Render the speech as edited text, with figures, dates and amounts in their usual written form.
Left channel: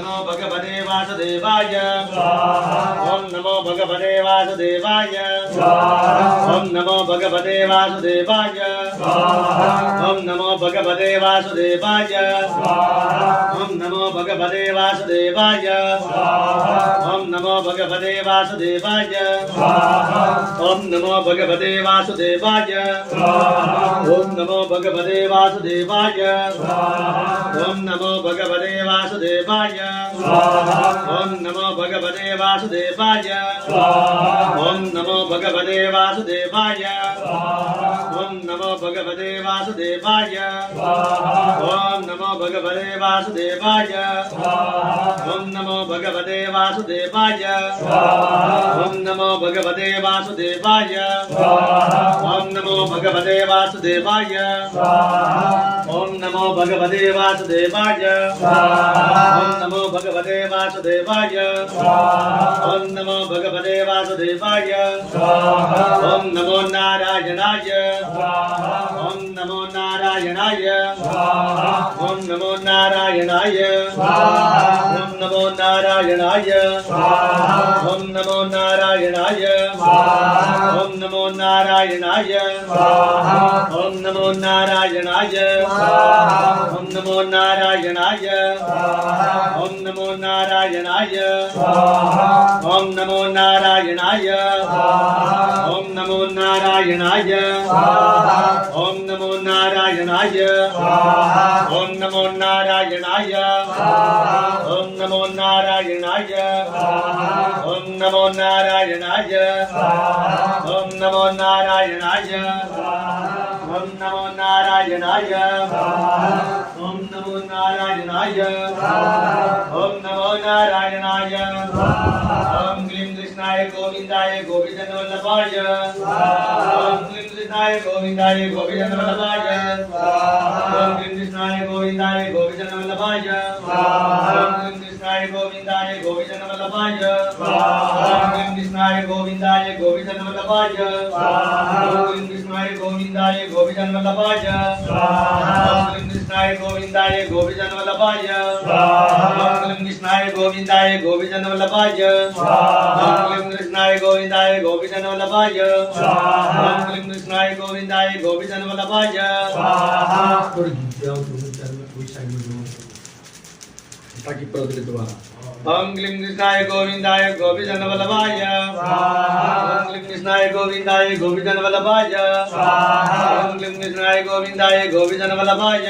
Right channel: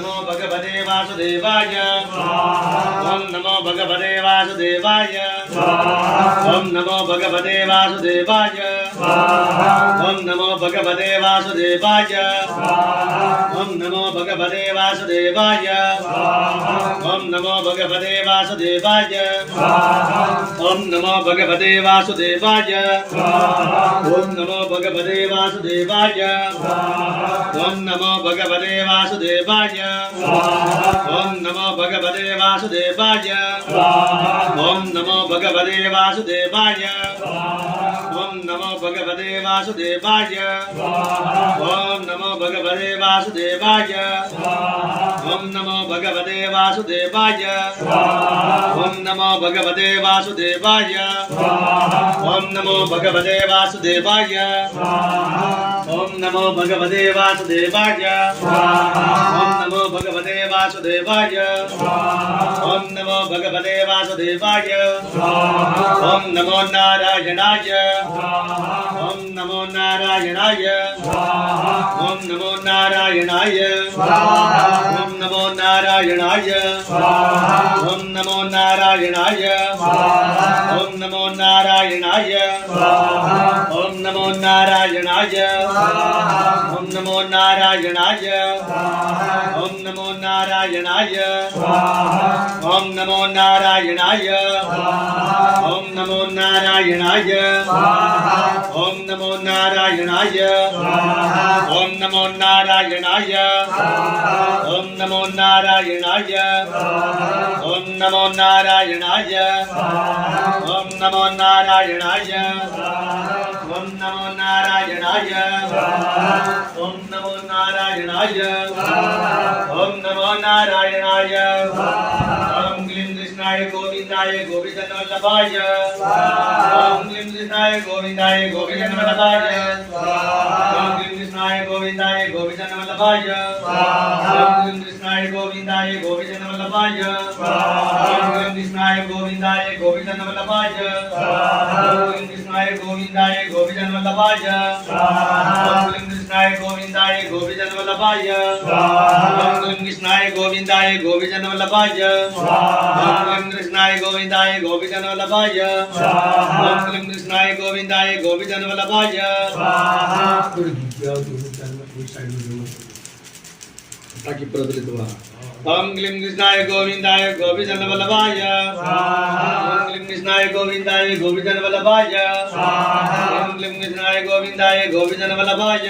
नमो भगवते वासुदेवाय ओम नमो भगवते वासुदेवाय ओम नमो भगवते वासुदेवाय ओम नमो भगवते वासुदेवाय ओम नमो भगवते वासुदेवाय ओम नमो भगवते वासुदेवाय ओम नमो भगवते वासुदेवाय ओम नमो भगवते वासुदेवाय ओम नमो भगवते वासुदेवाय ओम नमो भगवते वासुदेवाय ओम नमो भगवते वासुदेवाय ओम नमो भगवते वासुदेवाय ओम नमो भगवते वासुदेवाय ओम नमो भगवते वासुदेवाय ओम नमो भगवते वासुदेवाय ओम नमो भगवते वासुदेवाय ओम नमो भगवते वासुदेवाय ओम नमो भगवते वासुदेवाय ओम नमो भगवते वासुदेवाय ओम नमो नारायणाय ओम नमो नारायणाय ओम नमो नारायणाय ओम नमो नारायणाय ओम नमो नारायणाय ओम नमो नारायणाय ओम नमो नारायणाय ओम नमो नारायणाय ओम नमो नारायणाय ओम नमो नारायणाय ओम नमो नारायणाय ओम नमो नारायणाय ओम नमो नारायणाय ओम नमो नारायणाय ओम नमो नारायणाय ओम नमो नारायणाय ओम नमो नारायणाय ओम नमो नारायणाय ओम नमो नारायणाय ओम क्लीं कृष्णाय गोविंदाय गोपीजनवल्लभाय ओम क्लीं कृष्णाय गोविंदाय गोपीजनवल्लभाय ओम क्लीं कृष्णाय गोविंदाय गोपीजनवल्लभाय ओम क्लीं कृष्णाय गोविंदाय गोपीजनवल्लभाय ओम क्लीं कृष्णाय गोविंदाय गोपीजनवल्लभाय ओम क्लीं कृष्णाय गोविंदाय गोपीजनवल्लभाय ओम क्लीं कृष्णाय गोविंदाय गोपीजनवल्लभाय ओम क्लीं कृष्णाय गोविंदाय गोपीजनवल्लभाय ओम क्लीं कृष्णाय गोविंदाय गोपीजनवल्लभाय ओम क्लीं कृष्णाय गोविंदाय गोपीजनवल्लभाय ताकि प्रज्वलित हुआ ओम क्लीं कृष्णाय गोविंदाय गोपीजनवल्लभाय ओम क्लीं कृष्णाय गोविंदाय गोपीजनवल्लभाय ओम क्लीं कृष्णाय गोविंदाय गोपीजनवल्लभाय